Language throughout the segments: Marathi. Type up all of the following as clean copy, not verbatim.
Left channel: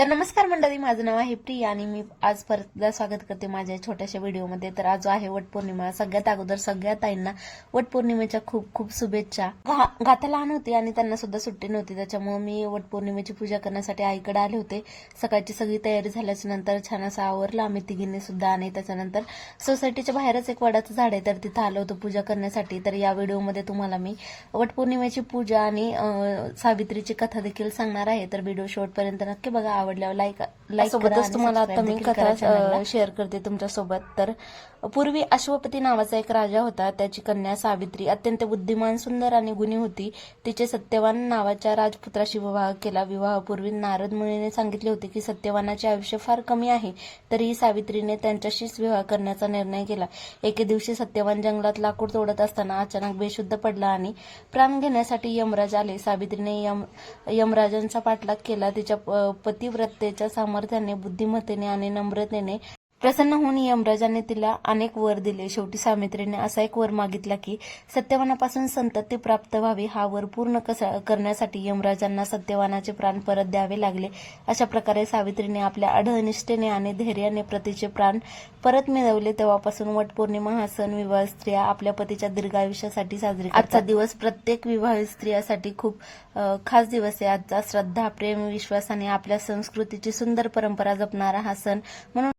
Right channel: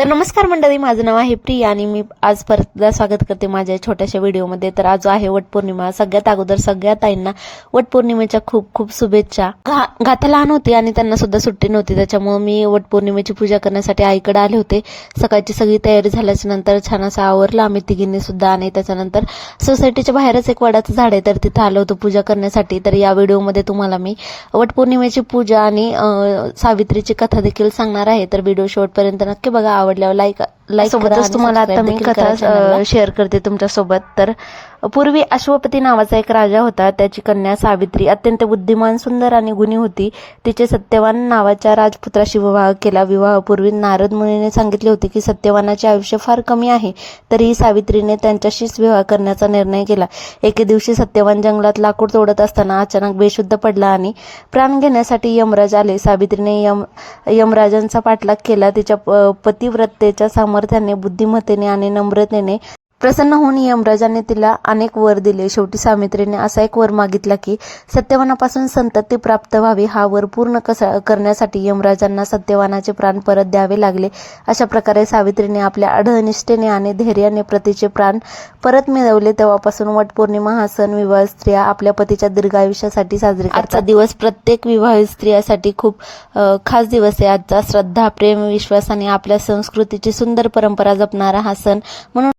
तर नमस्कार मंडळी, माझं नाव आहे प्रिया आणि मी आज परत स्वागत करते माझ्या छोट्याशा व्हिडिओमध्ये. तर आज आहे वटपौर्णिमा. सगळ्यात अगोदर सगळ्या ताईंना वटपौर्णिमेच्या खूप खूप शुभेच्छा. गाथा लहान होती आणि त्यांना सुद्धा सुट्टी नव्हती, त्याच्यामुळे मी वटपौर्णिमेची पूजा करण्यासाठी आईकडे आले होते. सकाळची सगळी तयारी झाल्याच्या नंतर छान असं आवरलं आम्ही तिघींनी सुद्धा. आणि त्याच्यानंतर सोसायटीच्या बाहेरच एक वडाचं झाड आहे, तर तिथं आलो होतो पूजा करण्यासाठी. तर या व्हिडिओमध्ये तुम्हाला मी वटपौर्णिमेची पूजा आणि सावित्रीची कथा देखील सांगणार आहे. तर व्हिडिओ शेवटपर्यंत नक्की बघा. आवडल्यावर लाईक सोबतच तुम्हाला आता मी कथा शेअर करते तुमच्या सोबत. तर पूर्वी अश्वपती नावाचा एक राजा होता. त्याची कन्या सावित्री अत्यंत बुद्धिमान, सुंदर आणि गुणी होती. तिचे सत्यवान नावाच्या राजपुत्राशी विवाह केला. विवाहापूर्वी नारद मुनीने सांगितले होते की सत्यवानाचे आयुष्य फार कमी आहे, तरीही सावित्रीने त्यांच्याशीच विवाह करण्याचा निर्णय केला. एके दिवशी सत्यवान जंगलात लाकूड तोडत असताना अचानक बेशुद्ध पडला आणि प्राण घेण्यासाठी यमराज आले. सावित्रीने यमराजांचा पाठलाग केला. तिच्या पतिव्रतेच्या सामर्थ्याने, बुद्धिमत्तेने आणि नम्रतेने प्रसन्न होऊन यमराजांनी तिला अनेक वर दिले. शेवटी सावित्रीने असा एक वर मागितला की सत्यवानापासून संतती प्राप्त व्हावी. हा वर पूर्ण करण्यासाठी यमराजांना सत्यवानाचे प्राण परत द्यावे लागले. अशा प्रकारे सावित्रीने आपल्या अढळनिष्ठेने आणि धैर्याने पतीचे प्राण परत मिळवले. तेव्हापासून वटपौर्णिमा हा सण विवाहित स्त्रिया आपल्या पतीच्या दीर्घायुष्यासाठी साजरी करतात. आजचा दिवस प्रत्येक विवाहित स्त्रियासाठी खूप खास दिवस आहे. आजचा श्रद्धा, प्रेम, विश्वास आणि आपल्या संस्कृतीची सुंदर परंपरा जपणारा हा सण. म्हणून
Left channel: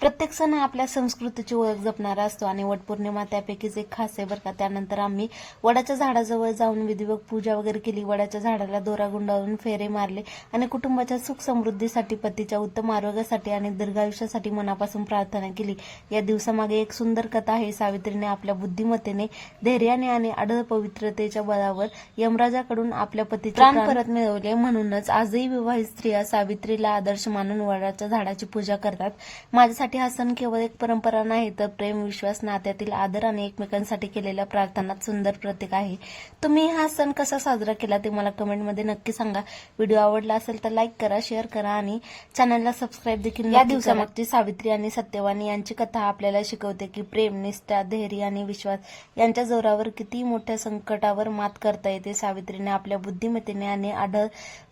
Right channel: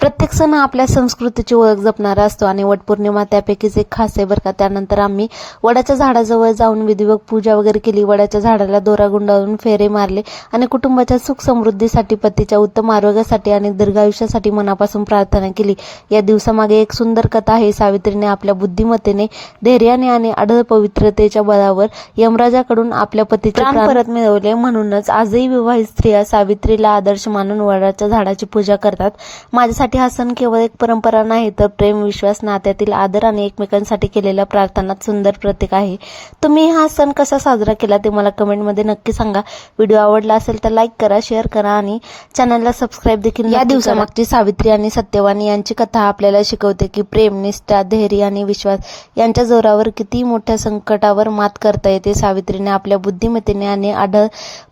प्रत्येक सण आपल्या संस्कृतीची ओळख जपणारा असतो आणि वटपौर्णिमा त्यापैकीच एक खास आहे बरं का. त्यानंतर आम्ही वडाच्या झाडाजवळ जाऊन विधिवत पूजा वगैरे केली. वडाच्या झाडाला दोरा गुंडाळून फेरे मारले आणि कुटुंबाच्या सुख समृद्धीसाठी, पतीच्या उत्तम आरोग्यासाठी आणि दीर्घायुष्यासाठी मनापासून प्रार्थना केली. या दिवसामागे एक सुंदर कथा आहे. सावित्रीने आपल्या बुद्धिमत्तेने, धैर्याने आणि अढळ पवित्रतेच्या बळावर यमराजाकडून आपल्या पतीचे प्राण परत मिळवले. म्हणूनच आजही विवाहित स्त्रिया सावित्रीला आदर्श मानून वडाच्या झाडाची पूजा करतात. माझ्यासाठी हा सण केवळ एक परंपरा नाही, तर प्रेम, विश्वास, नात्यातील आदर आणि एकमेकांसाठी केलेल्या प्रार्थनात सुंदर प्रतीक आहे. तुम्ही हा सण कसा साजरा केला ते मला कमेंटमध्ये नक्की सांगा. व्हिडिओ आवडला असेल तर लाईक करा, शेअर करा आणि चॅनलला सबस्क्राईब देखील. या दिवसामागची सावित्री आणि सत्यवान यांची कथा आपल्याला शिकवते की प्रेम, निष्ठा, धैर्य आणि विश्वास यांच्या जोरावर किती मोठ्या संकटावर मात करता येते. सावित्रीने आपल्या बुद्धिमत्तेने आणि अढळ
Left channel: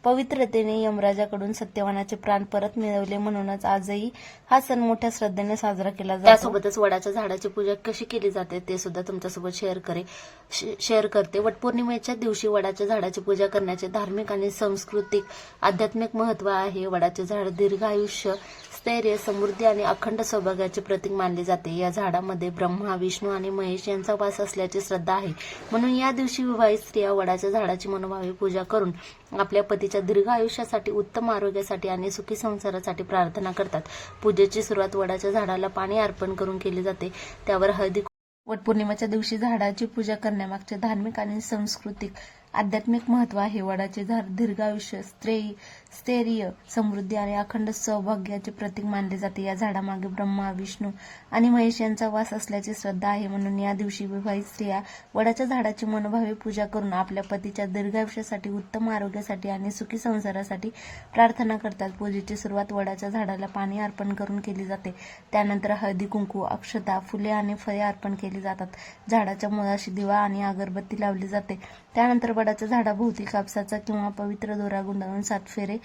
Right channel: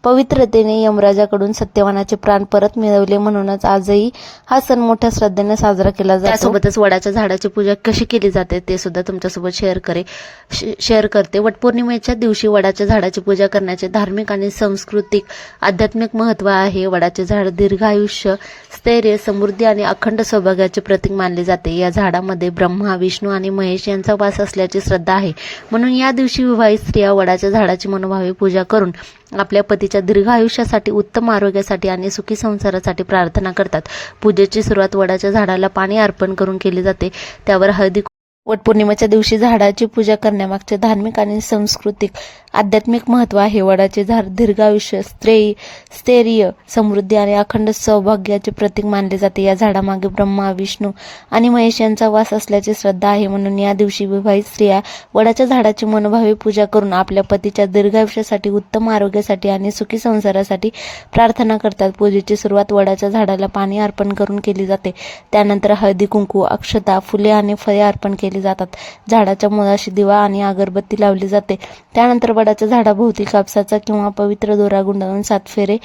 पवित्रतेने यमराजाकडून सत्यवानाचे प्राण परत मिळवले. म्हणूनच आजही हा सण मोठ्या श्रद्धेने साजरा केला जातो. त्यासोबतच वडाच्या झाडाची पूजा कशी केली जाते ते सुद्धा तुमच्यासोबत शेअर करते. वटपौर्णिमेच्या दिवशी वडाच्या झाडाची पूजा करण्याचे धार्मिक आणि सांस्कृतिक आध्यात्मिक महत्व आहे. वडाचे झाड दीर्घायुष्य, स्थैर्य, समृद्धी आणि अखंड सौभाग्याचे प्रतीक मानले जाते. या झाडामध्ये ब्रह्मा, विष्णू आणि महेश यांचा वास असल्याची श्रद्धा आहे. म्हणून या दिवशी विवाहित स्त्रिया वडाच्या झाडाची मनोभावे पूजा करून आपल्या पतीच्या दीर्घ आयुष्यासाठी, उत्तम आरोग्यासाठी आणि सुखी संसारासाठी प्रार्थना करतात. पूजेची सुरुवात वडाच्या झाडाला पाणी अर्पण करून केली जाते. त्यावर हळदी. वटपौर्णिमेच्या दिवशी झाडाची पूजा करण्यामागचे धार्मिक आणि सांस्कृतिक आध्यात्मिक महत्व आहे. वडाचे झाड दीर्घायुष्य, स्थैर्य, समृद्धी आणि अखंड सौभाग्याचे प्रतीक मानले जाते. या झाडामागे ब्रह्मा, विष्णू आणि महेश यांचा वास असल्याची श्रद्धा आहे. म्हणून या दिवशी विवाहित स्त्रिया वडाच्या झाडाची मनोभावे पूजा करून आपल्या पतीच्या दीर्घायुष्यासाठी, उत्तम आरोग्यासाठी आणि सुखी संसारासाठी प्रार्थना करतात. पूजेची सुरुवात वडाच्या झाडाला पाणी अर्पण करून केली जाते. त्यानंतर हळदी, कुंकू, अक्षता, फुले आणि फळे अर्पण केली जातात. झाडाच्या मुळाशी दिवा आणि अगरबत्ती लावली जाते. त्यानंतर वडाच्या झाडाभोवती कापसाचा किंवा पवित्र दोरा गुंडाळून 7 फेरे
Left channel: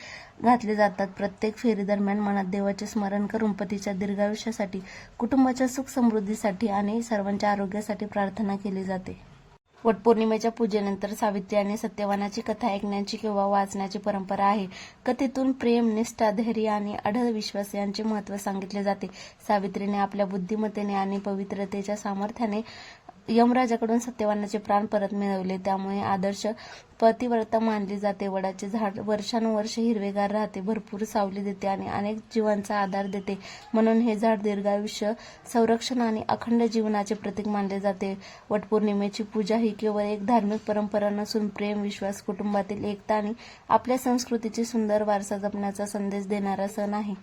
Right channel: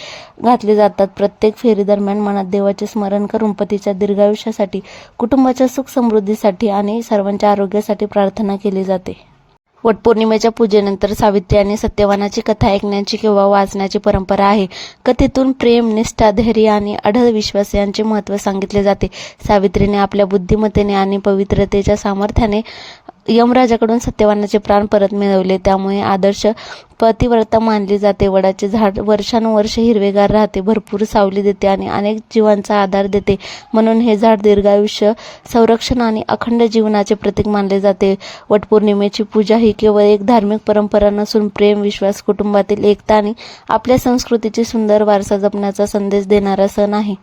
घातले जातात. प्रत्येक फेरी दरम्यान मनात देवाचे स्मरण करून पतीच्या दीर्घायुष्यासाठी, कुटुंबाच्या सुख समृद्धीसाठी आणि सर्वांच्या आरोग्यासाठी प्रार्थना केली जाते. वटपौर्णिमेच्या पूजेनंतर सावित्री आणि सत्यवानाची कथा ऐकण्याची किंवा वाचण्याची परंपरा आहे. कथेतून प्रेम, निष्ठा, धैर्य आणि अढळ विश्वास यांचे महत्त्व सांगितले जाते. सावित्रीने आपल्या बुद्धिमत्तेने आणि पवित्रतेच्या सामर्थ्याने यमराजाकडून सत्यवानाचे प्राण परत मिळवले. त्यामुळे आदर्श पतिव्रता मानली जाते. वडाचे झाड वर्षानुवर्ष हिरवेगार राहते, भरपूर सावली देते आणि अनेक जीवांचा आधार देते. म्हणून हे झाड दीर्घायुष्य, संरक्षण आणि अखंड जीवनाचे प्रतीक मानले जाते. वटपौर्णिमेची पूजा ही केवळ एक धार्मिक परंपरा नसून प्रेम, विश्वास, कुटुंबातील एकता आणि आपल्या संस्कृतीची सुंदर वारसा जपण्याचा संदेश देणारा सण आहे.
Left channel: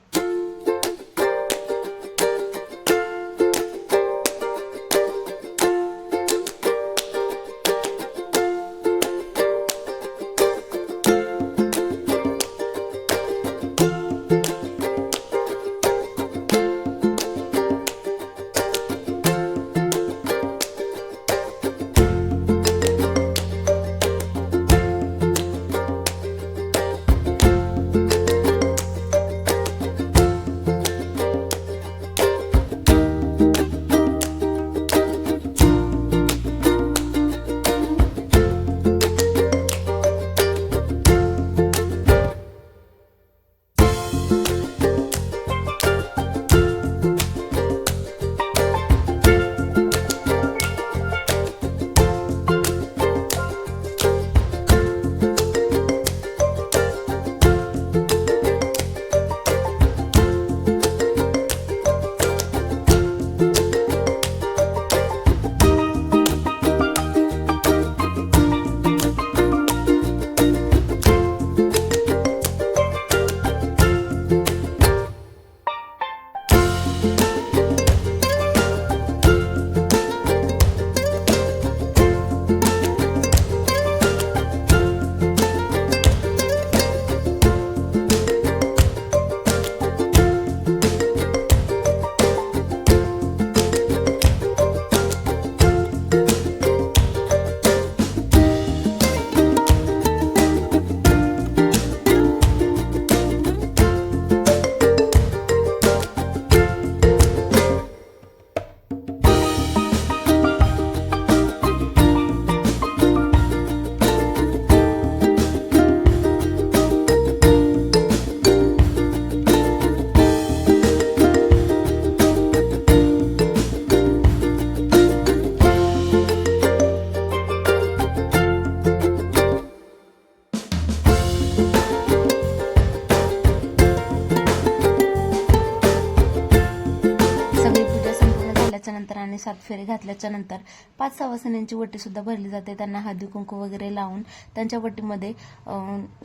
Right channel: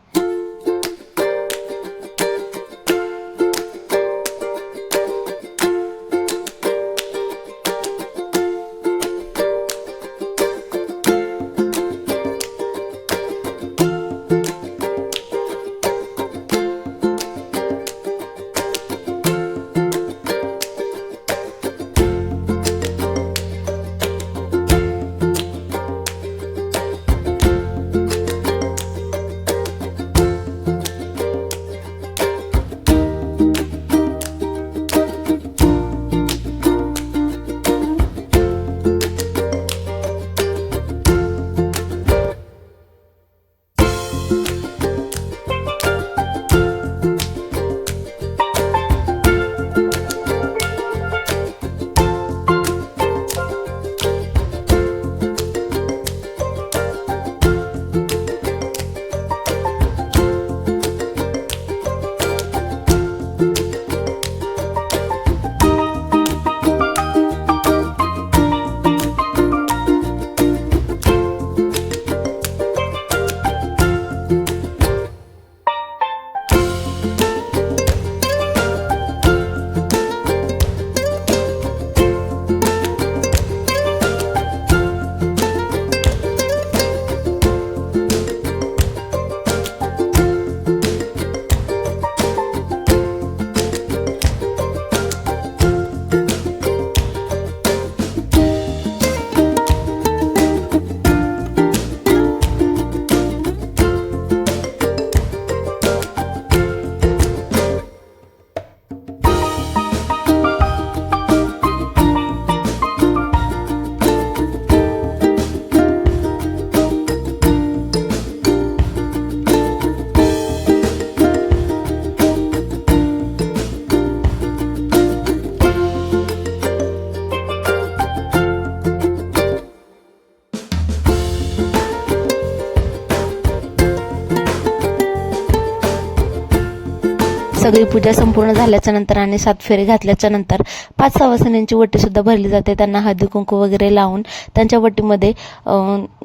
सगळी पूजा संपूर्ण झाल्याच्या नंतर आणि 7 फेरे घातल्याच्या नंतर 5 सवासिनींची वटी सुद्धा भरली जाते. त्यांना हळदी कुंकू वगैरे लावून त्यांच्या वटीमध्ये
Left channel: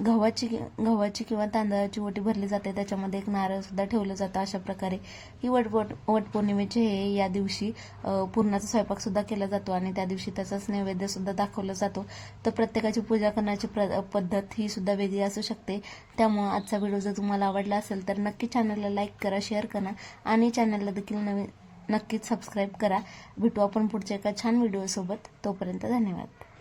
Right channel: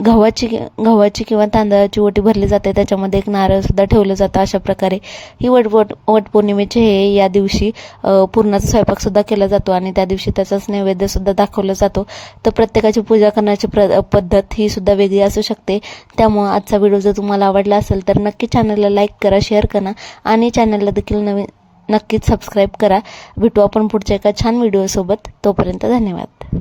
गव्हाची किंवा तांदळाची वटी भरली जाते. त्याच्यामध्ये एक नारळ सुद्धा ठेवलं जातं. अशा प्रकारे ही वटपौर्णिमेचे हे या दिवशी पुरणाचा स्वयंपाक सुद्धा केला जातो आणि त्या दिवशी त्याचाच नैवेद्य सुद्धा दाखवला जातो. तर प्रत्येकाची पूजा करण्याची पद्धत ही सुद्धा वेगळी असू शकते. त्यामुळे आजचा व्हिडिओ जर तुम्हाला आवडला असेल तर नक्की चॅनलला लाईक करा, शेअर करा आणि चॅनलला देखील नक्कीच सबस्क्राईब करा. भेटू आपण पुढच्या एका छान व्हिडिओसोबत. तोपर्यंत धन्यवाद.